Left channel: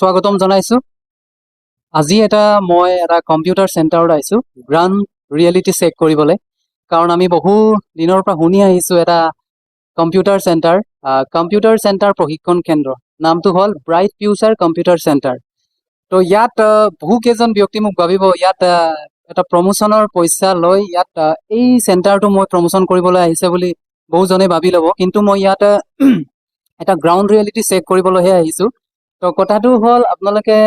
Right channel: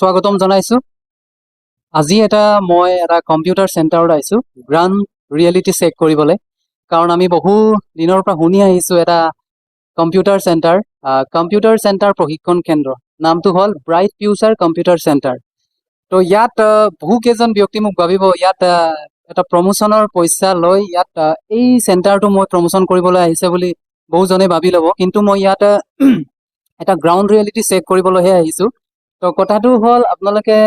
স্বাগতম জনাইছো। আজি মই এটা কম্পিউটাৰ চেণ্টাৰত আহিছো গ্ৰাউণ্ড ৰিয়েলিটি চেক কৰিবলৈ, কাৰণ আমি বহু দিনৰ পৰা শুনি আহিছো এটা কম্পিউটাৰ চেণ্টাৰ প্ৰশিক্ষণ কেন্দ্ৰ। নামটো হ'ল ব্ৰাইট ফিউচাৰ কম্পিউটাৰ চেণ্টাৰ। তো ইয়াত বহু কেইজন ব্যক্তি মোক ভাবিব ইয়াত এটা প্ৰমোচনৰ পইচা লৈ ইয়াত এই চেণ্টাৰটো মই প্ৰমোচন কৰিবলৈ আহিছে বুলি বহুজনে ভাবি ল'ব, কিন্তু মই ইয়াত এটা গ্ৰাউণ্ড ৰিয়েলিটি চেক কৰিবলৈহে আহিছো। তো কথাটো হ'ল আপোনালোকে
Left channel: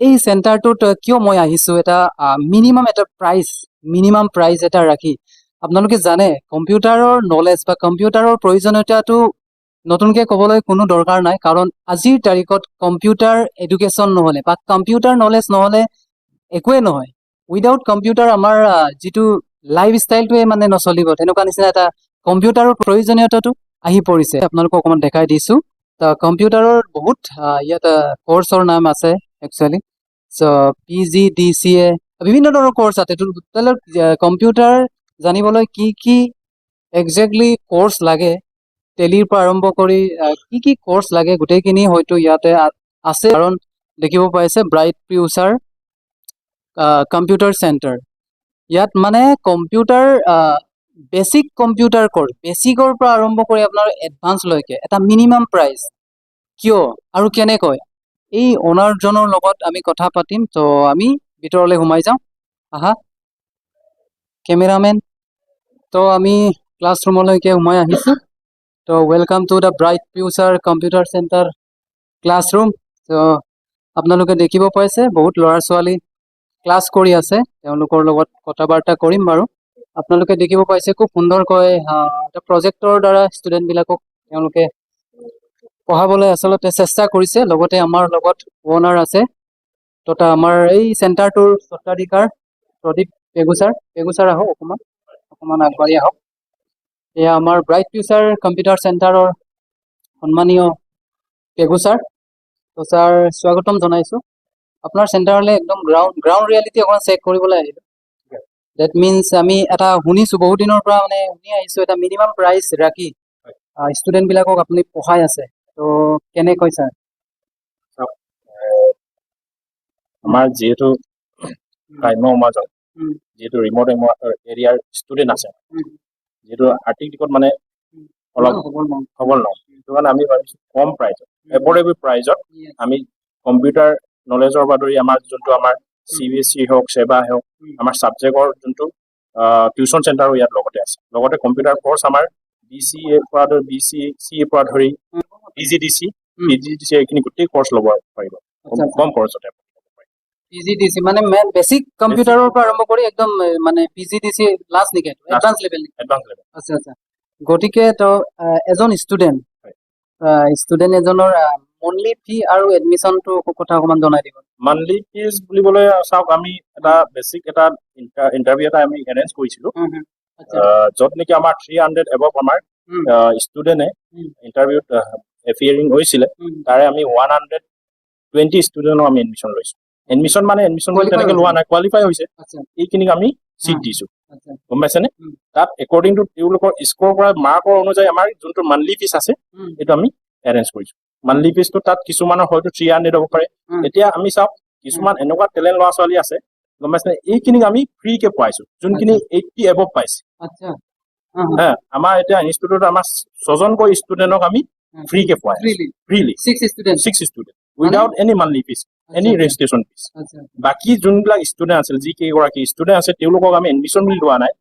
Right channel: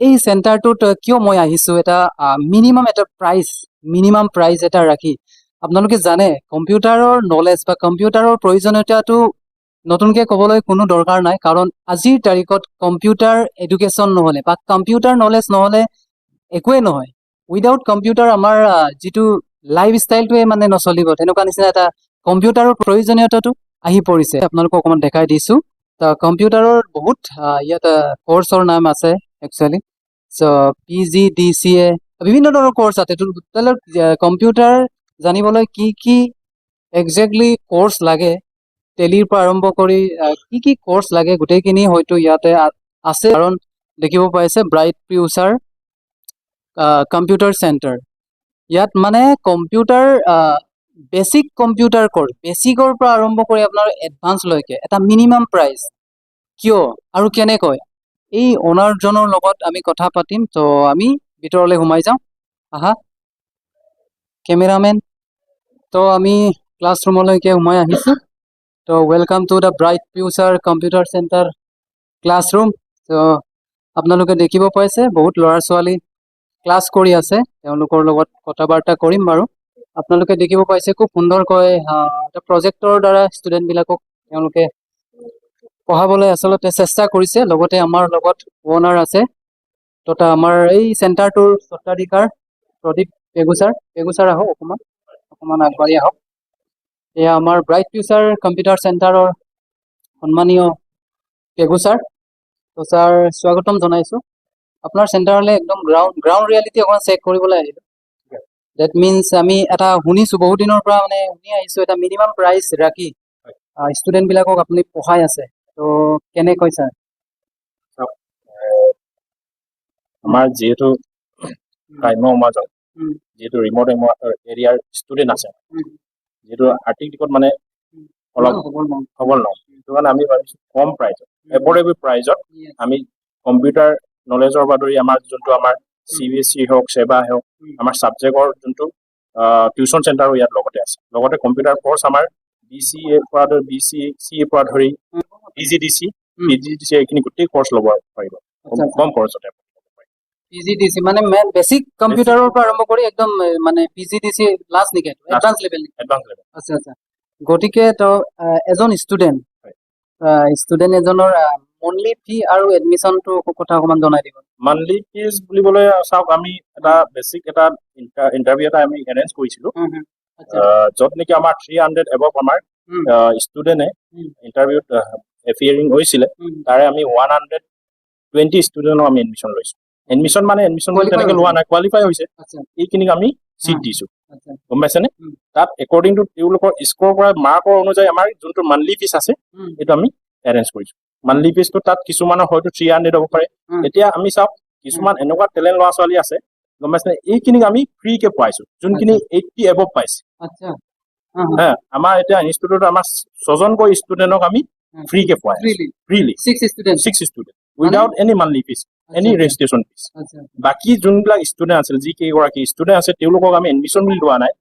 এই চেণ্টাৰটোত কিয় মই আহিছো, এটা মিনিমাম প্ৰাইচ এটা ৰাখি। আপোনালোকে জানে কম্পিউটাৰৰ নলেজ বা কম্পিউটাৰৰ প্ৰয়োজনীয়তাটো নতুনকে ক'বলৈ কোনো দৰকাৰ নাই, কাৰণ আজিৰ তাৰিখত কম্পিউটাৰ এডুকেশ্যন নহ'লে বা কম্পিউটাৰ নলেজ নহ'লে একোৱে নহয়। উইদাউট কম্পিউটাৰ আমাৰ যিটো লাইফ ষ্টাইলটোৱে নচলিব, তেনেকুৱা নিচিনা এটা কম্পিউটাৰৰ প্ৰয়োজনীয়তাটো আহি পৰিছে। আপোনালোকক অকণমান দেখাই দিছো। কম্পিউটাৰৰ বহুত ইয়াত কোৰ্চৰ নাম আছে একচুৱেলি। PGDCA বিভিন্ন ধৰণৰ কোৰ্চ আছে। কম্পিউটাৰ জানিবলৈ কি কি একজেক্টলি কোৰ্চ লাগে, টেলিৰ পৰা আৰম্ভ কৰি কি কি কোৰ্চ লাগে, গোটেইখিনি হয়তো ইয়াতে আছে। কাৰণ দেখিব পাইছে ব্ৰাইট ফিউচাৰ কম্পিউটাৰ চেণ্টাৰ। ইয়াত কম্পিউটাৰ বেচিক কম্পিউটাৰ কোৰ্চ, বেচিকৰ পৰা আৰম্ভ কৰি আপোনাৰ এডভান্সলৈকে এটা মিনিমাম প্ৰাইচ। কিয় আৰু কেনেকৈ, এই অনাৰজনৰ লগত আমি কথা পাতিম। তো আমি ভিতৰলৈ সোমাই যাওঁ। আহা কেমেৰামেন। তো আমি ক্লাছৰুমলৈকে সোমাই আহিছো। তো welcome to the bright future computer centre classroom. তো আপোনালোকে দেখিব পাইছে বহুত ল'ৰা ছোৱালী ক্লাছ কৰি আছে, তেওঁলোকৰ লগত কথা বাৰ্তা কৰিম বাৰু। আপোনালোকে দেখিব পাইছে খুব সুন্দৰকৈ এটা প্ৰজেক্টৰ দ্বাৰা ষ্টুডেণ্টবিলাকক তেওঁলোকে পঢ়াবলৈ আচলতে চেষ্টা কৰিছে। লগতে আমাৰ লগত অনাৰ আছে, তথা আমাৰ এই চেণ্টাৰটোৰ স্বত্বাধিকাৰ প্ৰদীপ পেগুচাৰ আহক, অকণমান আগবাঢ়ি আহক। এয়া আমাৰ ব্ৰাইট ফিউচাৰ কম্পিউটাৰ চেণ্টাৰৰ সন্মানীয় পেগুচাৰ। তো ছাৰ স্বাগতম জনাইছো আপোনাৰ চেণ্টাৰলৈ। একদম গ্ৰাউণ্ড ৰিয়েলিটি অকণমান চেক কৰিবলৈ আহিলো। ডেট মিনছ আমি এটা শুনিছো বহুত দিনৰ পৰা শুনি আহিছো, এটা মিনিমাম প্ৰাইচ ৰাখি ষ্টুডেণ্টবিলাকক আপুনি পঢ়াই আছে। তো কেনেকৈ ছাৰ? আমাৰ যিহেতু গ্ৰাম্য সমাজত যিহেতু ৰিমট এৰিয়াৰ ষ্টুডেণ্ট আছে, যিহেতু আৰ্থিক দিশত অলপ সবল নহয়, সেইটো কাৰণে আমি ভাবিছোঁ কম প্ৰাইজত, এফৰ্ডেবল প্ৰাইজত আমি কম্পিউটাৰ নলেজৰ পৰা ধৰি আমাৰ যোনটো আমাৰ CBSE হওক, সেৱা হওক, আমাৰ ছাবজেক্টৰ যোনটো টিউশ্যন চেণ্টাৰো ইয়াত লগতে আছে। লগতে কম্পিউটাৰ কোৰ্চ আমাৰ BCA পৰা ধৰি BCE পৰা ধৰি PGDC এইখিনি গোটেই কোৰ্চ ল'ব পাৰিব কম খৰচতে। PGDC বেচিক কম্পিউটাৰৰ পৰা আৰম্ভ কৰি একদম PGDC লাষ্ট নেকি, এডভান্স লেভেল? আচ্ছা আচ্ছা। গতিকে তো এজন ষ্টুডেণ্ট এজনৰ মন্থলি ফি আৰু এডমিশ্যনটো কথা অকণমান জনাই দিব। মান্থলি ফিজ বুলিবলৈ চাওক, আমি এটা বেচিক এটা ইণ্টাৰভিউ এটা আমি এৰেঞ্জ কৰিছিলোঁ, য'ত নেকি আমাৰ 300 এবভ আমাৰ ষ্টুডেণ্টে ইণ্টাৰভিউত এপিয়াৰিং হৈছিলে। তাৰে আমি 120 ষ্টুডেণ্টক আমি এডমিশ্যন লৈছোঁ। এডমিশ্যন তেনেকে লোৱা নাই, কোৱালিফাই হৈছে, এইখিনিক আমি চিট দিছোঁ, গম পাইছেনে? তাত একৰ্ডিং টু তেওঁলোকৰ স্ক'ৰ পৰা মাৰ্কৰ অনুযায়ী আমাৰ যোনটো মান্থলি ফিজ আছে সেইটো আমি এৰেঞ্জ কৰিছোঁ। মান্থলি ফিজটো তাত কিছুমানৰ হয়তো 300 হ'ব পাৰে। এতিয়া আমি চাওক, কিছুমান এনেকুৱা টেলেণ্ট ল'ৰা ছোৱালী আছে, গম পাইছেনে, এইখিনিক আমি ফ্ৰীকে পোৱাইছোঁ, যোনখিনি 80 এবভ পাইছে। আমাৰ এতিয়া ইনষ্টিটিউটত আমাৰ 6জনকৈ ষ্টুডেণ্টক আমি ফ্ৰীকে পোৱাই freely 6 student without any monthly fees, any registration fees. বাকী যোনবিলাক ষ্টুডেণ্ট আছিল, যি কেইগৰাকী ষ্টুডেণ্ট আছে, তেওঁলোকক আমি এডমিশ্যন বুলি লোৱা নাই,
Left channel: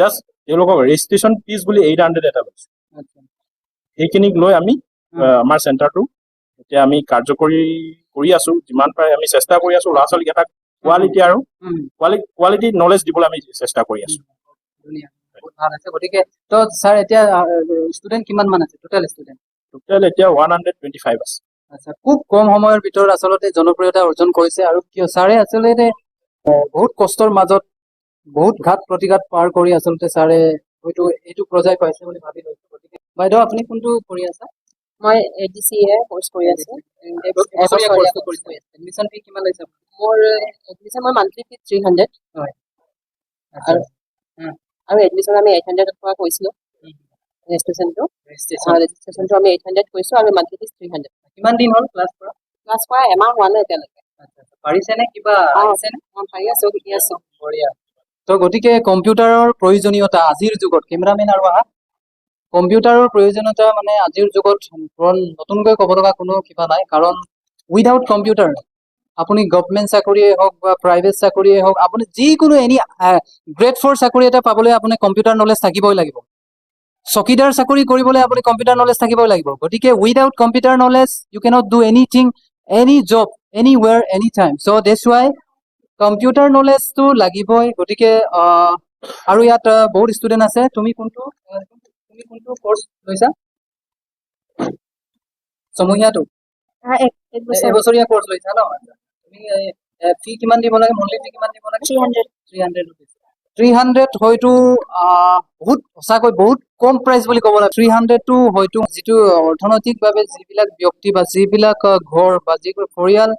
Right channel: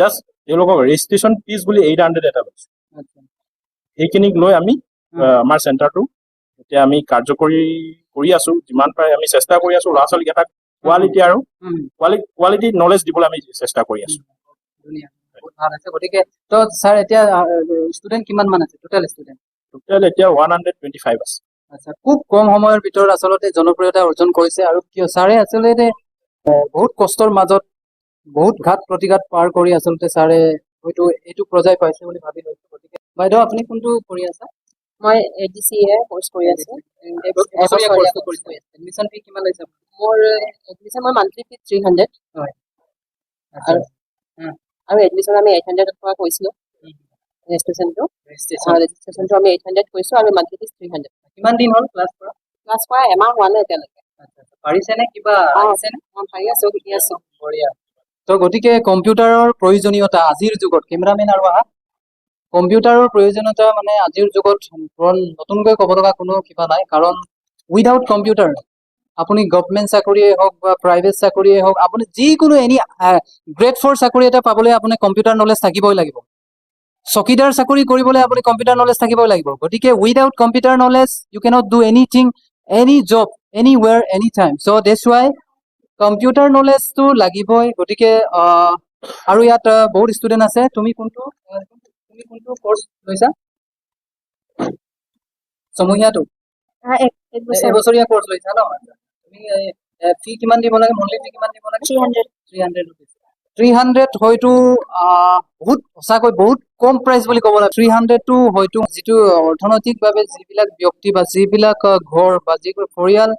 জাষ্ট তেওঁলোকক ৰেজিষ্ট্ৰেশ্যন ফিজ বুলি 800 এটা লৈছোঁ। সেইখিনিক লৈ আমি আমাৰ চেণ্টাৰটো এতিয়া আমি কাৰ্যকৰী কৰি আছো। যিমান পাৰে আমি চেষ্টা কৰি আছো ল'ৰা ছোৱালীক এটা কোৱালিটি নলেজ দিবলৈ আমি চেষ্টা কৰি আছো। গতিকে তো ছাৰ এতিয়া ষ্টুডেণ্ট কিমান আছে টোটেল এতিয়া 125 আছে। আচ্ছা, খুব কম সময়ৰ ভিতৰত আচলতে জনপ্ৰিয়তা অৰ্জন কৰিছে। আৰু ছাৰে আচলতে বহুত কষ্টৰ মাজত বহুত ঘাত প্ৰতিঘাত পাৰ কৰি আচলতে ছাৰে হয়তো এইটো পৰ্যায় পাইছে বুলি ভাবি লৈছো। গতিকে বাইদেউ আপুনি কোনটো কৰি আছা? মই ADCA কোৰ্চ কৰি আছো। এডমিশ্যন ফি কিমান লৈছে? মোৰ এডমিশ্যন মই মান্থলি ফি 300 হয়, আৰু এডমিশ্যন আমি 800 পৰা কৰিছিলোঁ। ৰেজিষ্ট্ৰেশ্যনটো আমি 800 কৰিছোঁ আৰু মান্থলি ফিজ 300। কিমান দিন হ'ল ক্লাছ কৰা? ক্লাছ কৰা এমাহ হোৱা নাই এতিয়ালৈকে। পাৰিছেনে কিবা অ, আহিছেনে? মই ভাবি আছো, শিকি আছো। বঢ়িয়া। তো গতিকে কম্পিউটাৰৰ প্ৰয়োজনীয়তা আজিৰ যুগত কেমেৰামেন আৰু আহা কম্পিউটাৰৰ প্ৰয়োজনীয়তা মানে আজিৰ যুগত নতুনকৈ ক'ব লগা কোনো কিবা নাই, কাৰণ উইদাউট কম্পিউটাৰ আপুনি গভৰ্ণমেণ্ট চাকৰিয়ে হওক বা প্ৰাইভেট চাকৰিয়ে হওক, আপুনি যিকোনো গ্ৰেড 4 চাকৰি এটা পাবলৈ আপুনি কম্পিউটাৰ নলেজ থাকিবই লাগিব। চকীদাৰ চাকৰি কৰিবলৈ আপুনি কম্পিউটাৰ নলেজ থাকিবই লাগিব। গতিকে without computer knowledge you cannot do anything, any job, anywhere, any time. So' that's why computer নলেজটো লাগিবই। গতিকে আৰু ইয়াত বহুত ষ্টুডেণ্ট আছে। তুমি কোনটো কৰ্চ লৈছা? ছমহীয়াটো এবছৰীয়া কৰ্চ লৈছা ন? তুমি ফি কিমান দিব লাগে? মন্থলি ফি কিমান দিব লাগে? 300 rupees। 300 হয়তো বহুত সঁচাকৈ বহুত কম প্ৰাইচ বুলি ক'ব লাগে। 300টো হয়তো যিটো অৰ্থনৈতিকভাৱে যিবিলাক ব্যক্তি বা যিবিলাক ঘৰ বা যিবোৰ পৰিয়াল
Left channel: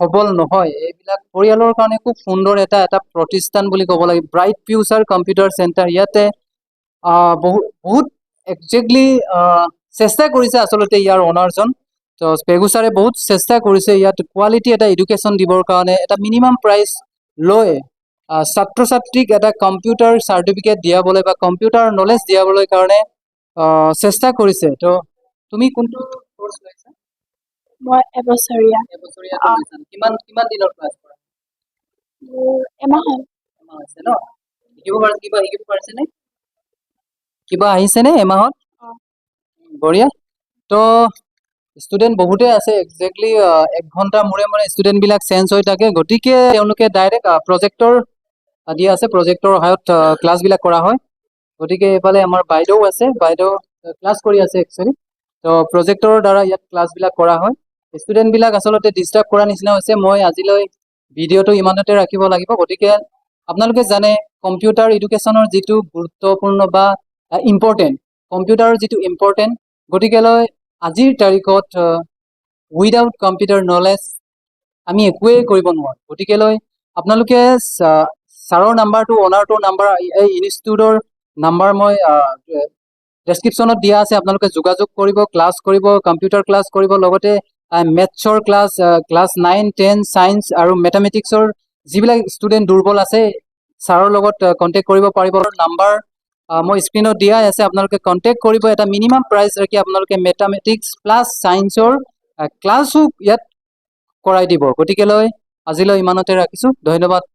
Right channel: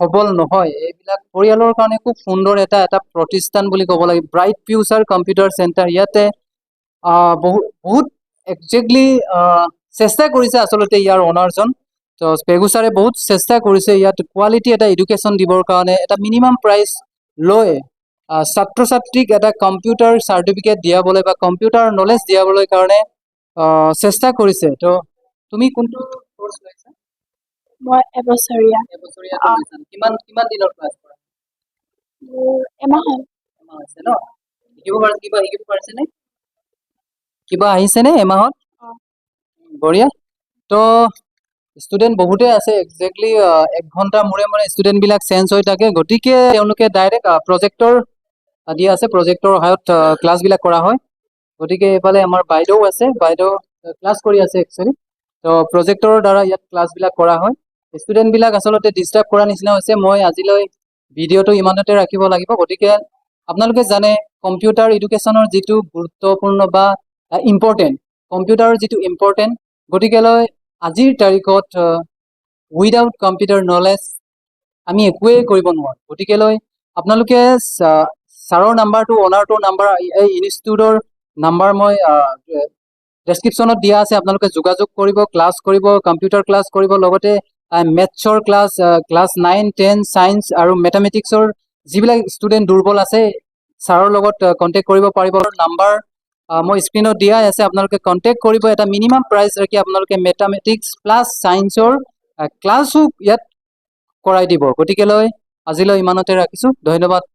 সবল নহয়, এইবিলাক পৰিয়ালৰ কাৰণে খুব সুন্দৰ এটা প্ৰতিষ্ঠান বুলি ক'ব লাগে, ব্ৰাইট ফিউচাৰ কম্পিউটাৰ চেণ্টাৰ। ইয়াতে বহুত একজেক্টলি চেষ্টা কৰিছে আচলতে ইয়াৰ অনাৰজন। তো পেগু ছাৰে বহুত চেষ্টা কৰিছে ইয়াত কোৱালিটি এটা এডুকেশ্যন দিবৰ কাৰণে, এটা মিনিমাম প্ৰাইচ লৈ ছাত্ৰ ছাত্ৰীক এটা কম্পিউটাৰ চাৰ্টিফিকেট দিয়াবলৈ বা কম্পিউটাৰ নলেজ দিয়াবলৈ কাৰণে চেষ্টা কৰিছে। তো তুমি কোনটো কৰ্চ লৈছা? মই এবছৰীয়া। এবছৰীয়াটো লৈছা। কিমান দিনৰ ক্লাছ কৰা? এমাহ হ'ল। এমাহ হৈছে ন? কিবা শিকিব পাৰিছেনে? কিবা আহিছেনে এমাহত? বঢ়িয়া। তো ষ্টুডেণ্ট বহুতেই আছে, একজেক্টলি 1 ঘণ্টা মূৰে মূৰে ষ্টুডেণ্টবিলাক চেঞ্জ হৈ থাকে। গতিকে তেওঁলোকে ডাইৰেক্ট প্ৰজেক্টৰ দিয়া আছে, প্ৰজেক্টৰ সহায়ত ক্লাছবিলাক কৰা হয়। গতিকে এইফালে আমাৰ বাইদেউ আছে, বাইদেউ ক্লাছ কৰি আছে একচুৱেলি। তো প্ৰজেক্টৰ দ্বাৰা ইয়াত ক্লাছবিলাক কৰা হয়। ষ্টুডেণ্টবিলাক আচলতে ডিষ্টাৰ্ব কৰা নিচিনা হৈছে। মই আজিলৈ ভিডিঅ'টো ইমানতে ৰাখিব লাগিব। গতিকে আপোনালোকে জানে কম্পিউটাৰ এডুকেশ্যনৰ যিটো গুৰুত্বপূৰ্ণ বা ইম্পৰ্টেণ্ট, কম্পিউটাৰৰ যিটো ইম্পৰ্টেণ্ট, গতিকেলৈ আজিৰ তাৰিখত উইদাউট কম্পিউটাৰ নলেজ আমি একোৱেই কৰিব নোৱাৰোঁ। গতিকেলৈ আপোনালোকে ছাৰৰ নাম্বাৰটো, অনাৰটোৰ নাম্বাৰ, এই ইনষ্টিটিউটৰ নাম্বাৰ মই ডেছক্ৰিপশ্যনত দিয়া আছে। আপোনালোকে যোগাযোগ কৰিব, ক্লাছ কৰিব, কম্পিউটাৰ ক্লাছ কৰিব, লগতে মেথছৰ ক্লাছ 9, 10 ছায়েন্স আৰু মেথামেটিক্সৰ যিবিলাক ষ্টুডেণ্ট দুৰ্বল আছে ছাৰৰ লগত কণ্টেক্ট কৰিব পাৰিব। নাম্বাৰ মই স্ক্ৰীণত দিয়াই আছে, আপোনালোকে কণ্টেক্ট কৰিব। এটা মিনিমাম প্ৰাইচ ৰাখি আপোনালোকে মেথামেটিক্স প্লাছ ছায়েন্সৰ ক্লাছো ইয়াত কৰাই দিব। গতিকেলৈ আজিলৈ ইমানতে ৰাখিছোঁ। ধন্যবাদ।